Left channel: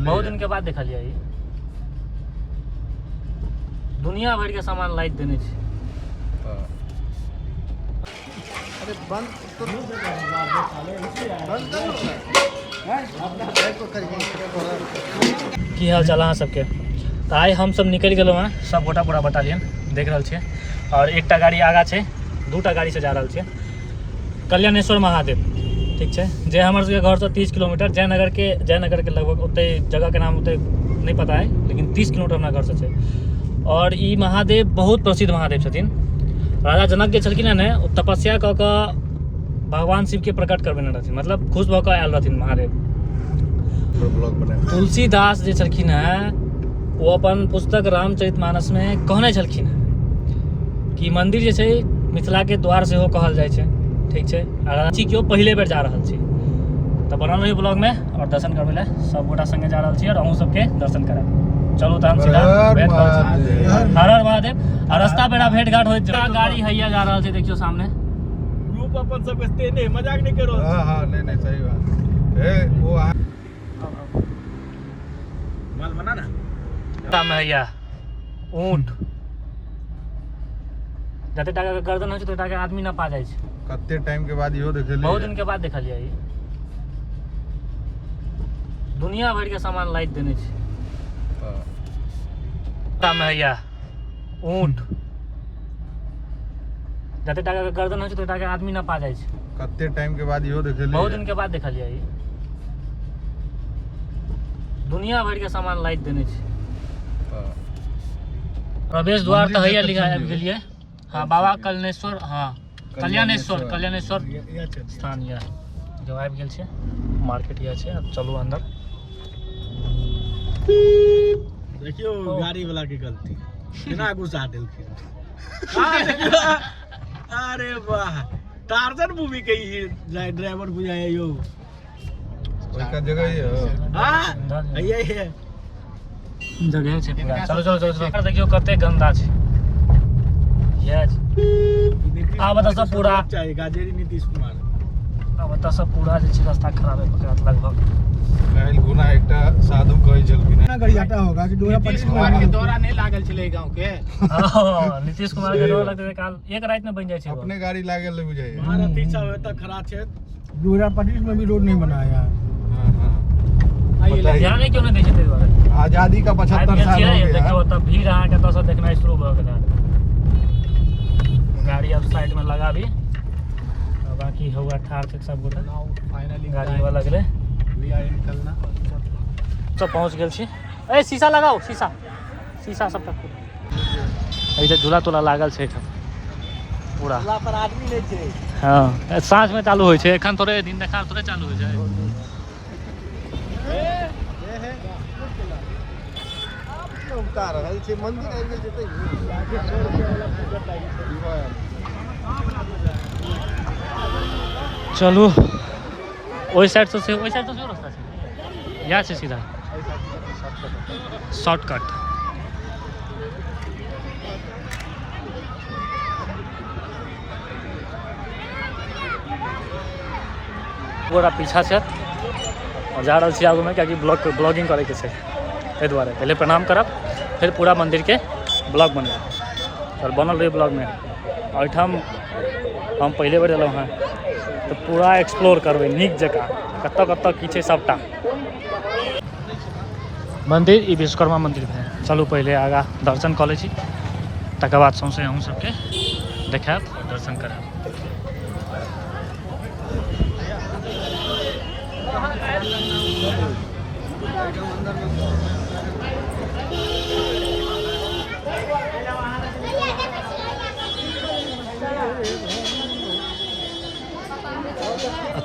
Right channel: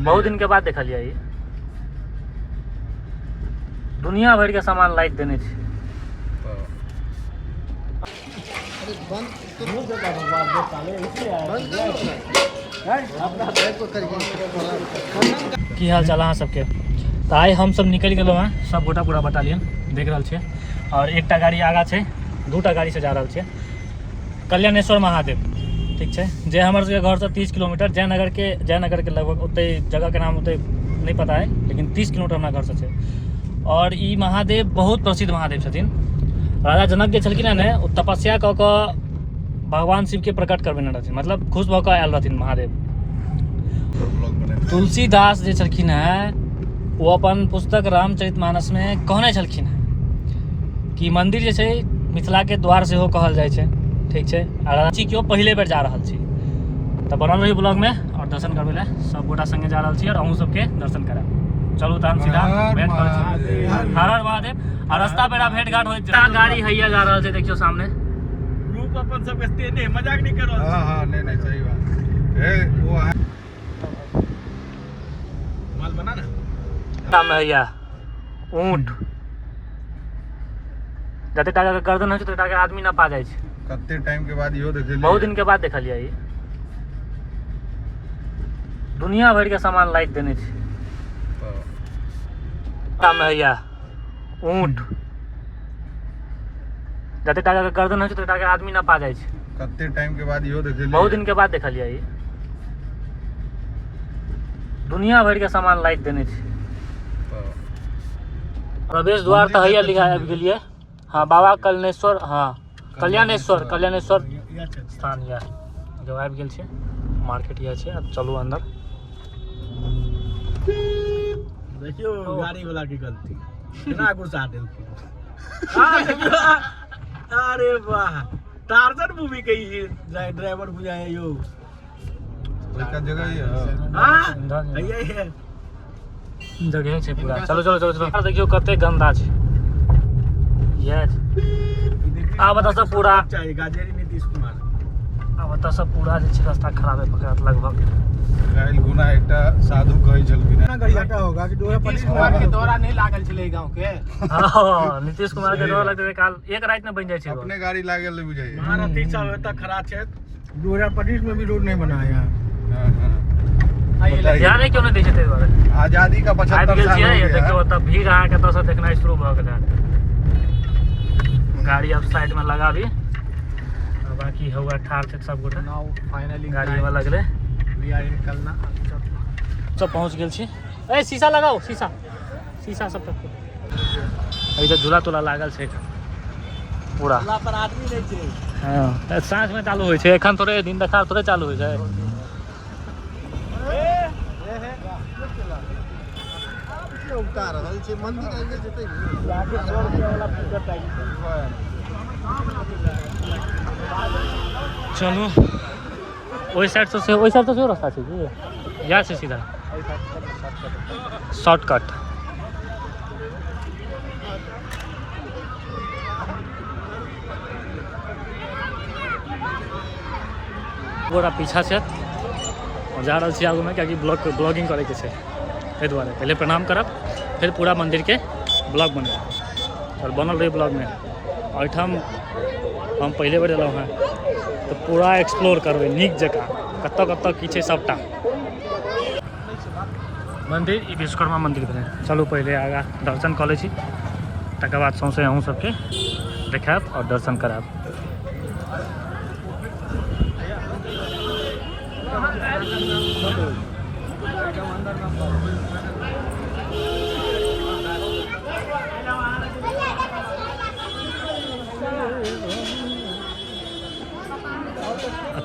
बहुत दिन के बाद देखलिए ये दुनिया भर के सामान लाइट देने छे। की हाल चाल अहाँ सबके। तो आइ हम सब निकल गए हैं सब गोटा पूरा बटालियन देख रहा छे। और एक गाड़ी आगा है, दूटा गाड़ी से जा रहा है कल्याणेश्वर महादेव। ठीक है, जे हमारे सबके घर से 30 किलोमीटर जयनगर के लगभग उतने जगह के नाम उतने नहीं पता है, लेकिन 30 किलोमीटर हमारा घर से है। और ये महादेव बहुत प्रसिद्ध महादेव छथिन। राजा जनक जे छलखिन ने तपस्या कऽ कऽ भगवान शिव के प्रकट करबेने रहथिन, मतलब खुश भऽ कऽ आयल रहथिन महादेव। तुलसीदास जे छलखिन है वो अपन पुस्तक रामचरितमानस में कहने छलखिन है कि मंदिर जे छै मिथिला के द्वार से हो कहल जाय छै। ठीक है, रांची क्यों पहले बेर जा रहा छी तो बनल रही ब्लॉग में और दर्शन करबे ला सब गोटा संगे जा रहा छी और अहूँ सबके दर्शन कराब। चलू तहन सीधा भेंट कर छी। हर हर महादेव। और रास्ता पेड़ा भेंट घाट होइत गाड़ी हैया जा रहा है, देखियो सामने ग्रुप अपन सब के नहीं मजाक नहीं करो। हां हां नहीं सही बात है। वो है माल बना ना सामने हैया ऊंट जते टाका के गर्दन है तो टाका के आदमी ना पा जाय छै। कते टाइम के बाद इहो देखलिए, बहुत दिन के बाद देखलिए ये दुनिया भर के सामान लाइट देने छे। सामने हैया ऊंट जते टाका के गर्दन है तो टाका के आदमी ना पा जाय छै। कते टाइम के बाद इहो देखलिए, बहुत दिन के बाद देखलिए ये दुनिया भर के सामान लाइट देने छे। प्रवेश द्वार तो हैया लिखा आबि गेलिए। हाँ, बाबा कल्याणेश्वर, हाँ कल्याणेश्वर स्थान यह जो आबि गेल छै। मार्केट यह छै। अब चलू अंदर। देखियो गाड़ी वाला की गलती बिना घुसा देलखिन। अरे वाह, टार्जन मूवी कही ड्राइवर बुझाए यो जगह है। हां ये है जगह छै पूरा। चलो देखियो कते गंदा छै। यस आ बता सब पूरा गाजेरी नीतीश कुमार आ बता सब पूरा जे छै रास्ता खराब है पकड़त लगभग। काल गुना एकटा साधु कहै छलखिन ना गड़ियाटा होगा कि नीतीश कुमार के दौरा नहीं लागल छले गांव के। हां नीतीश कुमार के दौरा लगते काल एक रात में बन जाय छै। अपने गाड़ी लागल नहीं बुझाय। महारथी सब एता खड़ा छै। 2025 में भी रोड नहीं बनाया। हां ध्यान क्यों नहीं दै छै ते दुआरे आजादी का 75 साल हो गया। देखियो तब भीड़ अहाँ के तस देखना शुरू भ गेल। गाड़ी अब साइड में लगा भी बाकी हुआ ठार थे सब गोटा। फाइनली गाड़ी में लगले वी आर निकलना तो पहुंच गेल छी। ए शीशा लगाओ, शीशा सब तक इधर झूला तोला लागल छै पूरा पर आदमी नै छै। हां साँझ में चालू होय छै, एखन थोड़े दिन देखार थोड़े चालू होय छै। उतार रहल छै मंदिर आइ नै जेतै। चलू ओई साइड से रास्ता छै कि या से सीधा शॉर्टकट। गोरा पीछा छै और जा रहल छी आगू में कियाकि ब्लॉगिंग करे के छै। ताहि दुआरे पहले प्रणाम करब फिर पूरा मंदिर के ब्लॉग बनेब और बनल रही ब्लॉग में। एहिठाम हम पहले बेर एलहुँ हैं तो पूरा एक्सप्लोर करबै नीक जकाँ कतऽ कतऽ की छै सबटा। मंदिर ई विश्वकर्मा मंदिर भेलै। चलू पहले आगा दर्शन कऽ लै छी, तकर बाद सौंसे अहूँ सबके देखायब और दर्शन करायब।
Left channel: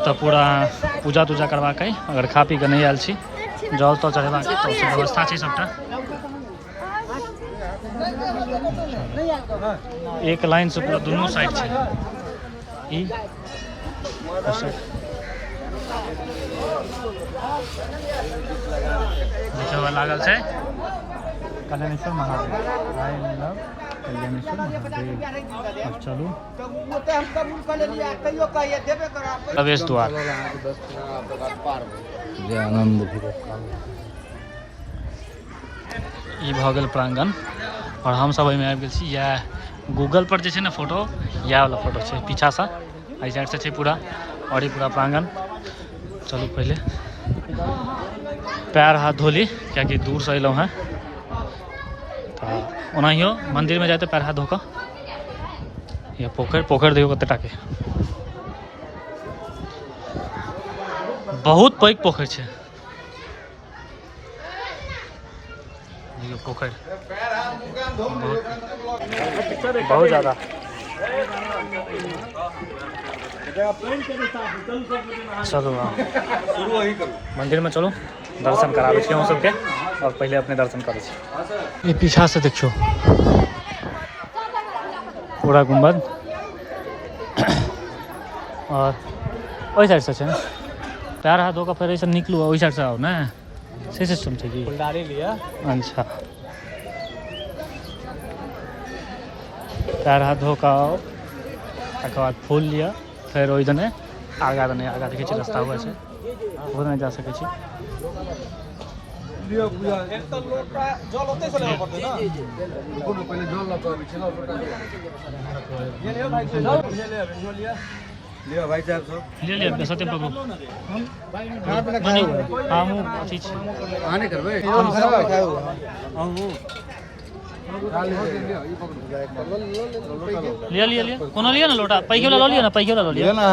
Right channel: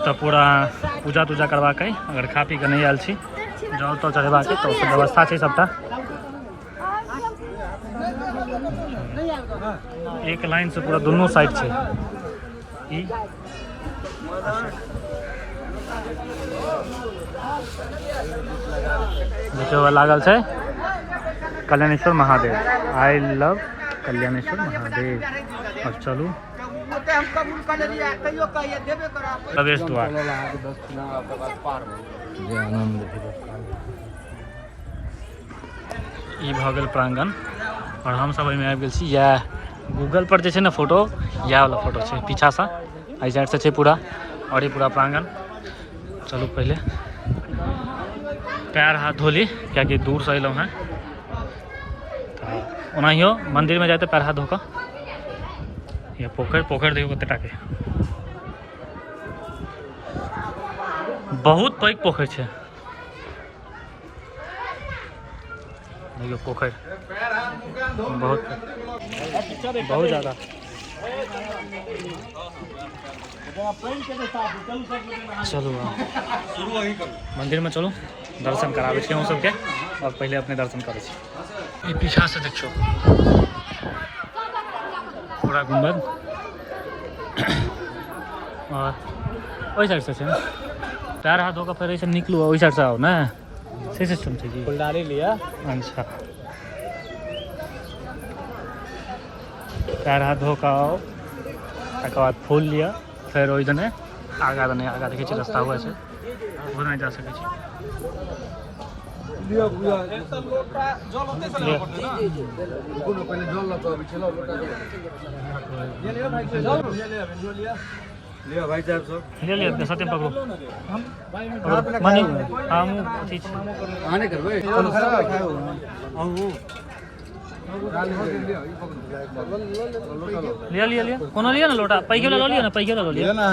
तो पूरा पूजा तूजा करवाक अगर खा पी के नहीं आयल छी जल तो चढ़ेबाक तो व्यवस्था छै सबटा। एक लाइन से पूरा दोनों साइड छै। ई देखियो लागल छै कल्याणेश्वर महादेव। I love Kalyaneshwar Mahadev. अब चलू प्रवेश द्वार। ई भऽ गेल प्रांगण और हम सब एहिमे आबि गेल छी। या गूगल पर जे छै ने फोटो इएह वाला फोटो छै, पीछा सा एहि साइड से छै पूरा और ई पूरा प्रांगण। चलू पहले पैर हाथ धोली कियाकि दूर से अयलहुँ हैं, तऽ ओनाहियो मंदिर में जाते पैर हाथ धो कऽ। या पोखरि देखियो कते टाके, बहुत पैघ पोखरि छै। देखियो पोखरि बहुत ज़्यादा। चलो मंदिर में चलो दर्शन कराबे छी हम सबके, और पहले अपने दर्शन करे छी। ये पीछा से देखियो पूरा गुम्बद, और ओहि साइड से छै ने पैर हाथ धो कऽ फेर ऐसे निकलू, ओहि साइड से आओ ना, से सिस्टम छै कि फुलदारी लिया। अच्छा पैर हाथ धो कऽ आओ, तकर बाद फूल लिया, फिर ओहि दने आगा देखै छी रास्ता हुआ छै, वो नहीं जा सकै छी। लियो भाई साहब सब ले ले सत्य पकड़ो मानी हां मु अथी छै आने करबे लिया कोनो लिया ना लोटा, पैके वाला लो लिया ना, पैके वाला लो लिया ना।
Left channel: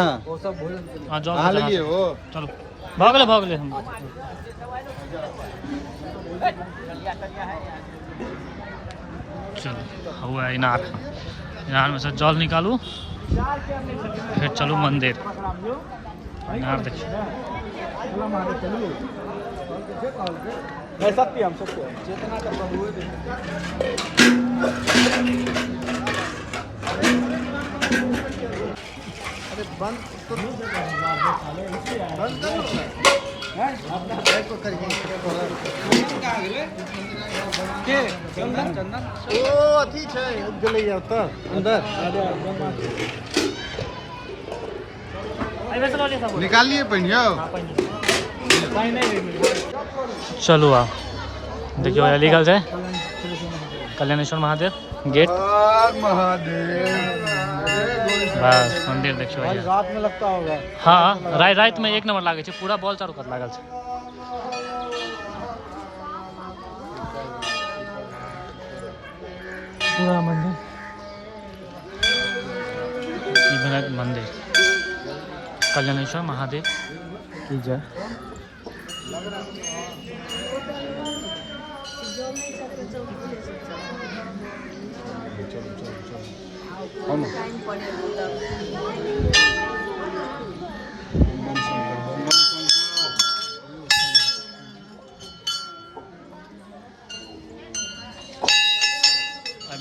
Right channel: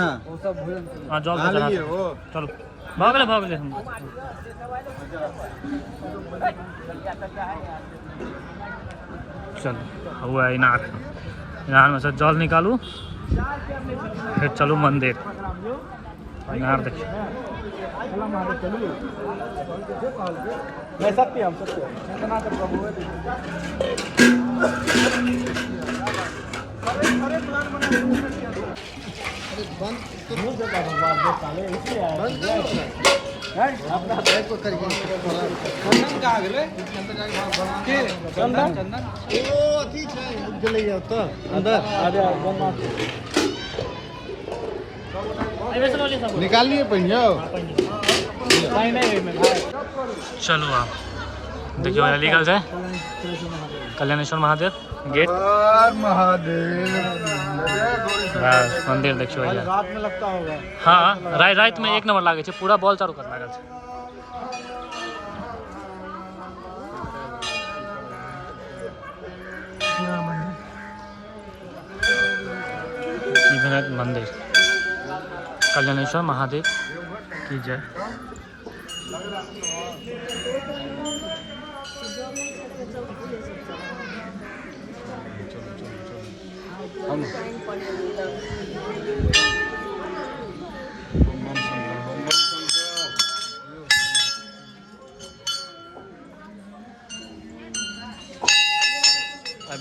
हां जल चढ़ा चलो भाग ले हम। चलो हुआ इनार में से जल निकालू, फिर चलो मंदिर। इनार देखिए निकालिए पहियो। चलो आप देखियो लीगल है कल्याणेश्वर महादेव गेट, बस मंदिर देखियो यार। रात में लगता होगा। हाँ रात में एक नंबर लागे छे, पूरा बॉल चारू कत लागल छे। पूरा मंदिर इधर मंदिर कल्याणेश्वर महादेव की जय।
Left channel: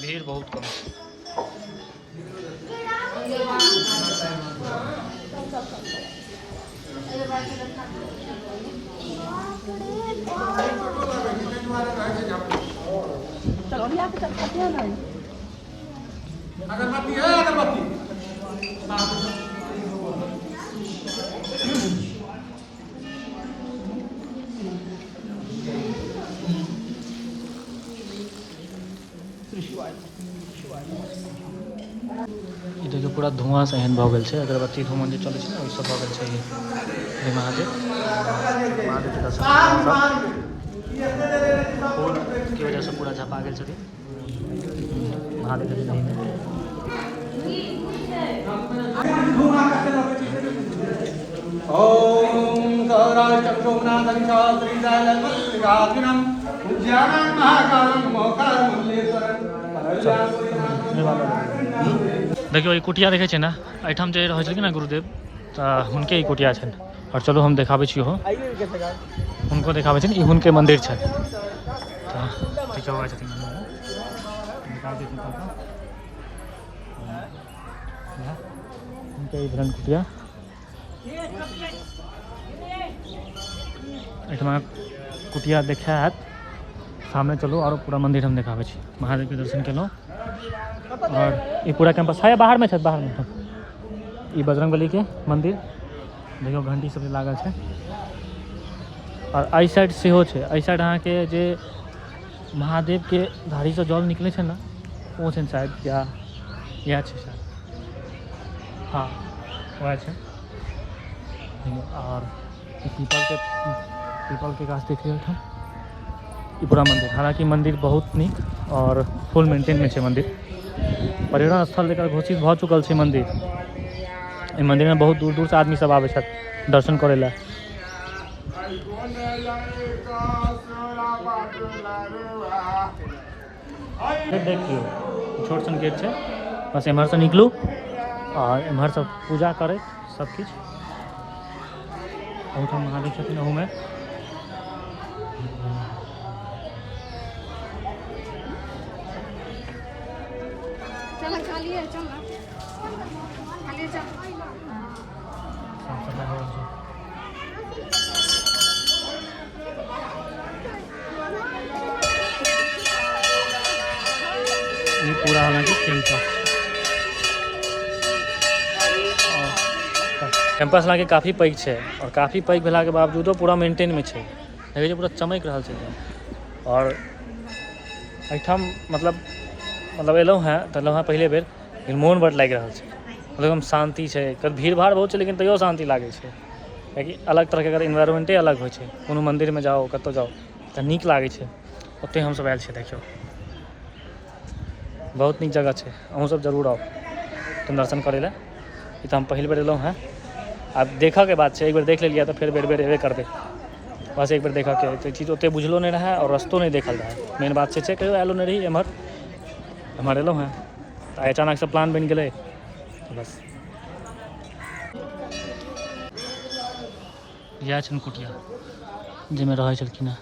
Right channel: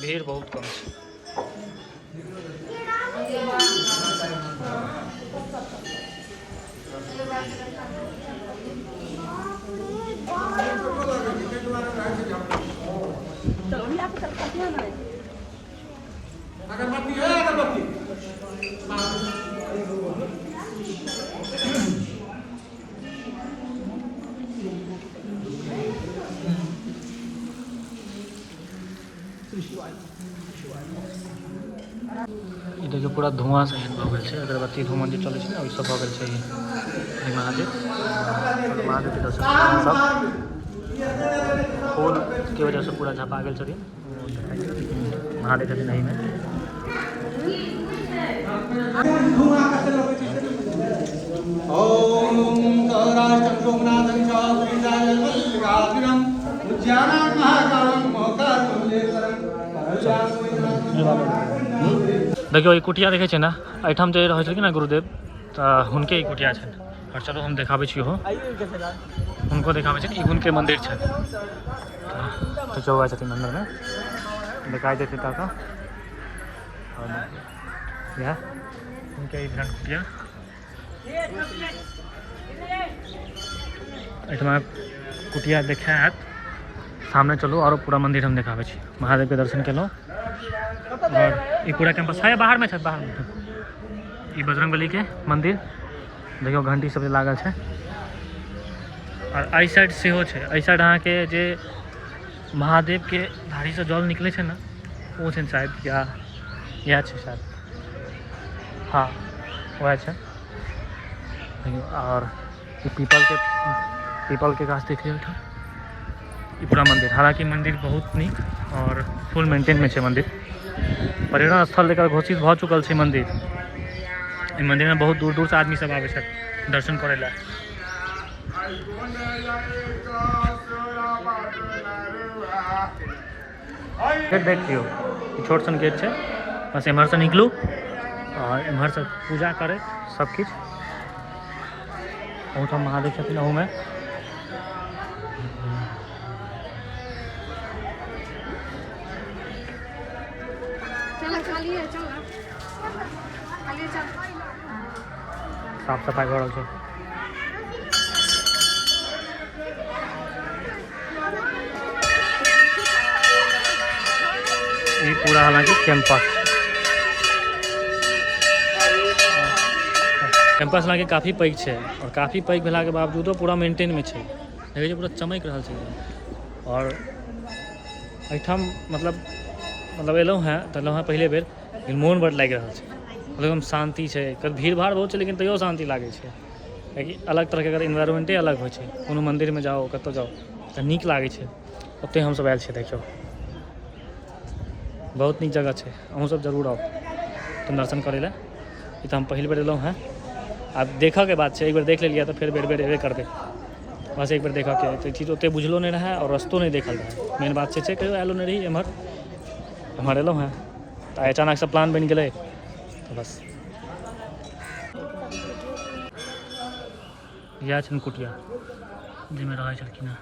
भीड़ बहुत कम। देखियो पूरा धुआं से एहन भऽ गेल छै, अगरबत्ती धूमन जे चलै छै ने ओहि सब भऽ गेल छै। ई महादेव के दर्शन सब फूल की वजह से पूरा झपा गेल छथिन महादेव छथिन नहीं में। ओम सौराष्ट्रम सोमनाथं च श्रीजालवल्लभागिरं उज्जयानं महाकालं मोक्षारमुनीश्वरं। देखियो ई कुटिया देखे ना, एठाम जे रहै छथिन ना गुरुदेव, तऽ हुनके ई कुटिया छनि। और चलो हम देखाबै छी हो हुनको देखाबै छी, ई हुनके मंदिर छनि। देखियो हुआ छथिन अंदर में दिखाई देते का या उनके इधर कुटिया। एठमा कुटिया देखात सामने चलो और पूरा मंदिर हम देखाबै छी। महादेव के दर्शन केलहुँ और ये पूरा कैंपस है बाहर में छे, बाहर में ये बजरंगबली के मंदिर देखियो घंटी सब लागल है। और आई साइड सेहो छे, आई साइड अहाँ के जे महादेव के धारी से जल निकले छे ना, वो छे शायद, क्या यह छे शायद, हाँ वह छे। और ये पीपल के गाछ देख लियो था। ये पूरा मंदिर, हालांकि मंदिर बहुत निक और फुल मेंटेन में छे मंदिर। पर्यटन स्थल लेकर घोषित भ चुकल छे मंदिर। इस मंदिर में बहुत दूर दूर से आदमी सब आवे छे दर्शन करे ला। देखियो छोट सन गेट है, बस एम्हर से निकलू और एम्हर से पूजा करे सब किछ। ओठाम महादेव छथिन अहू में। साफ सफाई हो रहल छै। ये पूरा हालांकि कैंपस हालांकि काफ़ी पैघ है और काफ़ी पैघ भेला के बावजूदो पूरा मेंटेन में है। देखिए पूरा चमक रहा है एकदम। और एठाम मतलब एलहुँ हैं तो एलहुँ हैं पहले बेर, लेकिन मोन बड़ लागि रहा है। मतलब एकदम शांति है। कभी भीड़ भाड़ बहुत है लेकिन तैयो शांति लगे है, कियाकि अलग तरह के अगर इन्वायरमेंटे अलग हो। कोनो मंदिर में जाओ कतौ जाओ तो नीक लगे है। ओते हम सब आयल छे, देखियो बहुत नीक जगह है। अहूँ सब जरूर आओ तुम दर्शन करे ला। ये तो हम पहली बार एलहुँ हैं। अब देखा के बात है, एक बार देख लिया तो फिर बेर बेर एबे करबे। बस एक बार देखा के तो चीज़ ओते बुझलो नहीं रहा और रस्तो नहीं देखल रहा। मेन बात से कहियो आलो नहीं रही एम्हर एलहुँ हैं तो अचानक से प्लान बन गए तो बस। यह छन कुटिया जिसमें रहे छलखिन हैं।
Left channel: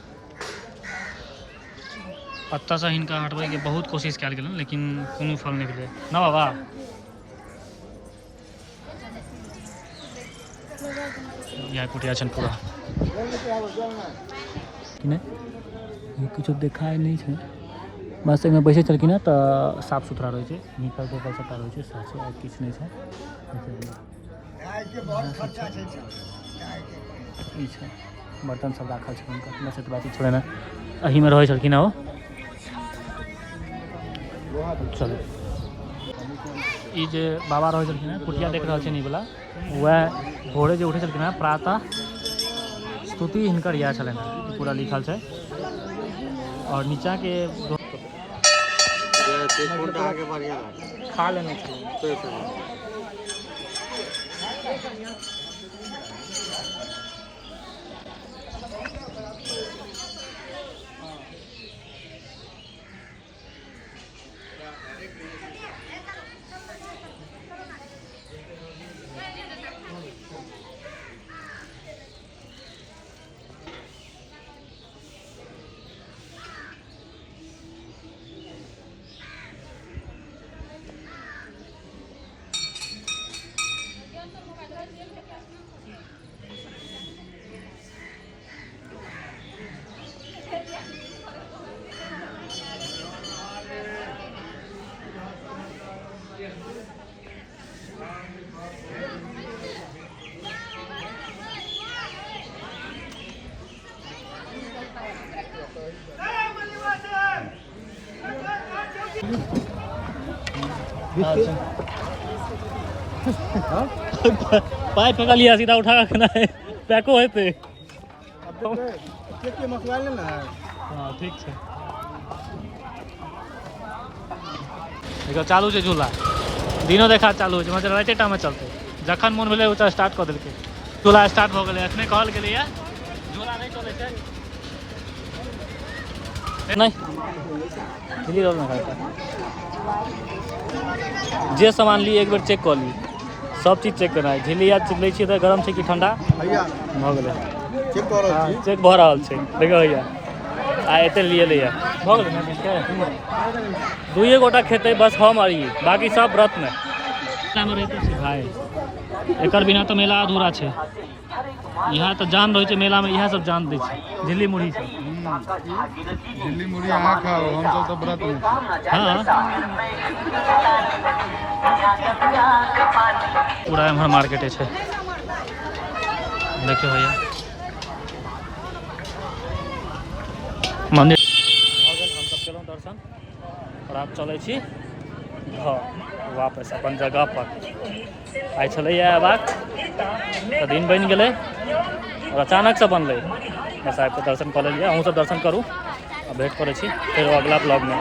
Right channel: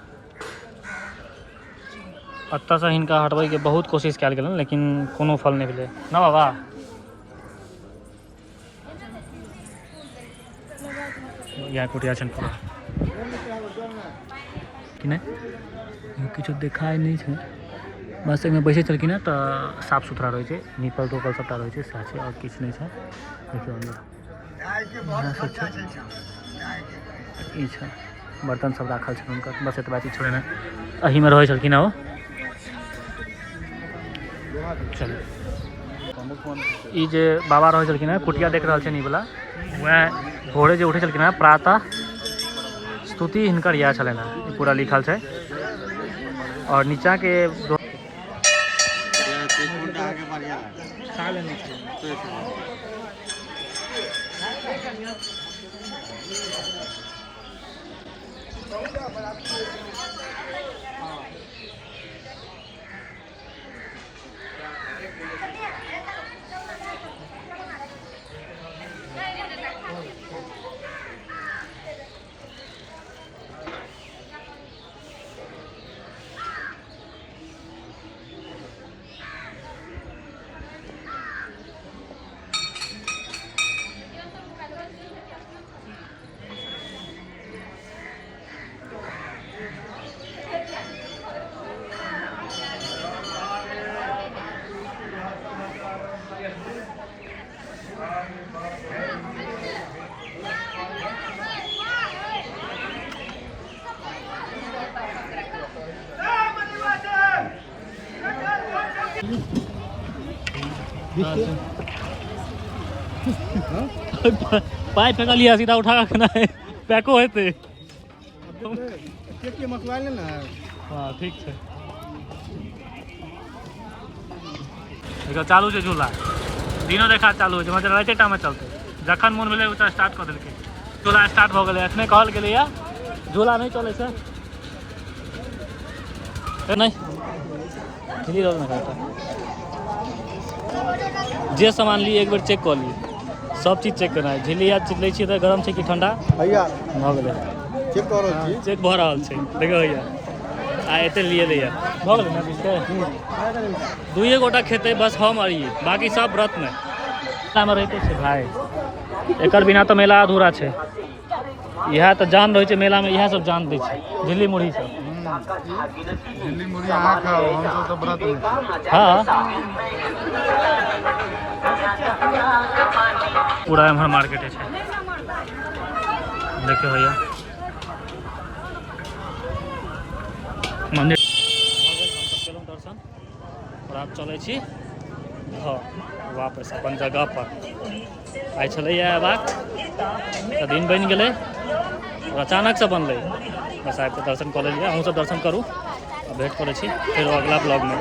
अत्ता से हिनका हटबै के बहुत कोशिश कयल गेल लेकिन कोनो फल नहीं मिले ना बाबा। यह कुटिया छन पूरा कि नहीं किछु देखाई नहीं है। बस एहिमे बैसे छलखिन हैं तो साफ सुथरा रहे छै, नीपल तोपल सबटा रहे छै, सएह छै और किछु नहीं है। देखियो अंदर ई छै बर्तन सब राखल छै हुनकर, बस एतबा चीज छोड़े ने एही में रहे छलखिन हैं ओ। चलो ई जे बाबा रहे छलखिन हैं कुटिया देख रहल छै नी वाला, वह भोरे जे उठे छलखिन हैं प्रातः स्तुति हिनकर यह छलनि हैं, पूरा लिखल छै। और नीचा के खा लेने पाइप फेंका लिया सीधा उठा के ना पैको है ते मसवाइल ना। हाँ ठीक है। देखो चालू है झूला, दिनों देखा चालू है, मतलब राइटे टाइम में चलते जखन मन भेले उचा स्टार्ट कर दिलके। झूला स्टार्ट हो गए, अखने कहल गेलै या झूला नहीं चले छै नहीं हिली रोल ना खाता। जे सामान ली एक बार चेक कर ली, सब चीज चेक करना है। झिल्ली याद लै छियै तऽ गरम छै कि ठंडा भैया भऽ गेलै, चेक कर रहल छी, चेक भऽ रहल छै। देखियौ भैया आ एते लिए लैया भऽ गेलै ना, दुइए गोटा खेतै बस हम और ई, बाकी सब व्रत में रहिते छै भाई। एकर बिना तो मेला अधूरा छै। यह तो जान रहे मेला में, यह सब जान दे झिल्ली मुढ़ी सब। दिल्ली मुड़ी अहाँ खाओ, हम सब तो व्रत में। हाँ पूरा एम्हर मार्केटे छै, देखियो भैया मंदिर। और आब चलै छी घर वापस अपन जगह पर। आइ छलैया अयबाक तऽ दिन बनि गेलै और अचानक से बनलै, बस आबि कऽ दर्शन कऽ लेलियै। अहूँ सब दर्शन करू आ भेंट करै छी फेरो अगला ब्लॉग में।